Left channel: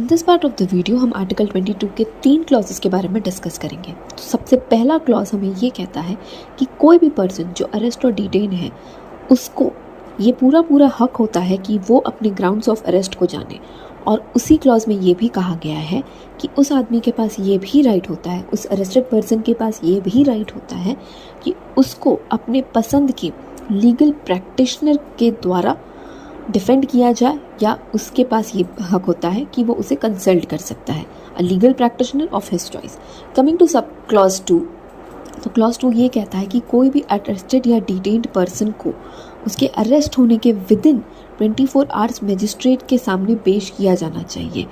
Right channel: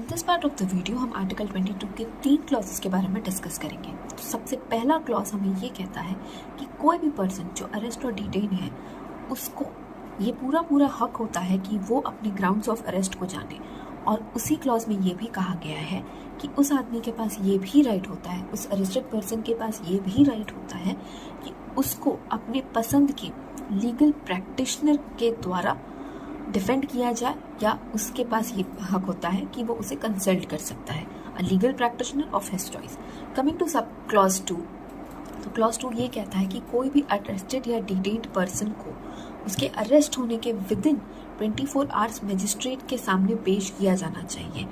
In this part of the video हम article 22 के 3 clauses के बारे में डिस्कस करेंगे। तो सबसे पहला क्लॉज हमें ये कहता है कि कोई भी पर्सन जो अरेस्ट और डिटेन है उसको ये पूरा हक होता है कि वो अपने ग्राउंड्स ऑफ अरेस्ट को जाने। और उसी क्लॉज में ये भी कहा गया है कि उस आदमी के पास ये भी राइट होता है, उस अरेस्टेड पर्सन के पास ये भी राइट होता है कि उसको अपने पसंद के लीगल प्रैक्टिशनर के द्वारा डिफेंड किया जाए, या उसके पास ये हक होता है कि वो उसे कंसल्ट कर सकता है, a legal practitioner of his choice. Coming to sub clause 2, तो क्लॉज 2 ये कहता है कि कोई भी अरेस्टेड या डिटेन्ड पर्सन को उसके अरेस्ट होने के विद इन 24 आवर्स मजिस्ट्रेट के सामने पेश किया जाना चाहिए।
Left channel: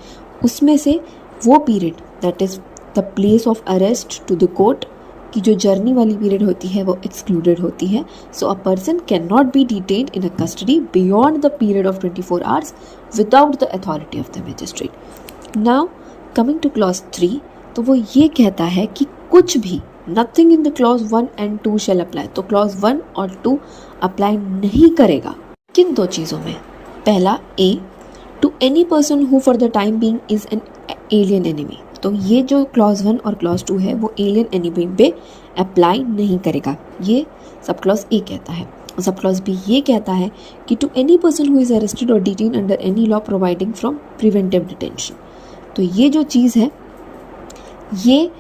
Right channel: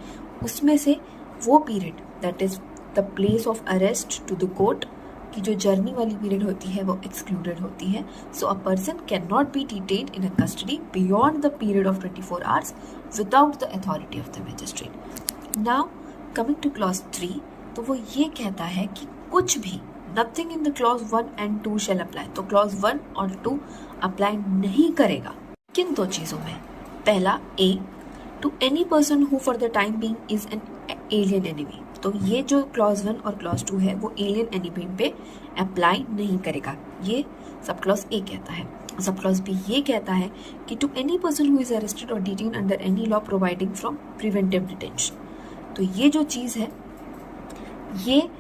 उसमें से वो period that is the place of arrest to the court की जो जर्नी वाली पीरियड होती है वो एक्सक्लूडेड होती है। So a person can not be detained in a custody beyond the period of 24 hours without the authority of the magistrate. Now coming to clause 3, तो वो ये कहता है कि कुछ भी nothing in the clause 1 and 2 shall apply. तो clause 1 और 2 अप्लाई नहीं करेगा किन दो चीज़ों में? पहला A, to any person who for the time being is an alien enemy. तो ये जो क्लॉज 1 और क्लॉज 2 है वो एलियन एनिमी पे अप्लाई नहीं करेगा, ये सब क्लॉज ए कहता है। सब क्लॉज बी ये कहता है कि to any person who is arrested और detain under any law providing from preventive detention. तो ये जो चीज़ है ये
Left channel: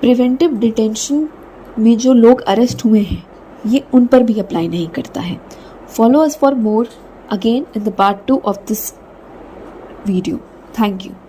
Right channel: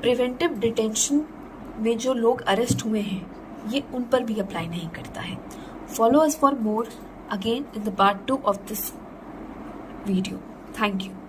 प्रिवेंटिव डिटेंशन में जो लोग अरेस्ट हुए हैं ये उन पर भी अप्लाई नहीं करता है। Follow us for more again in the part 2 of this video. Thank you.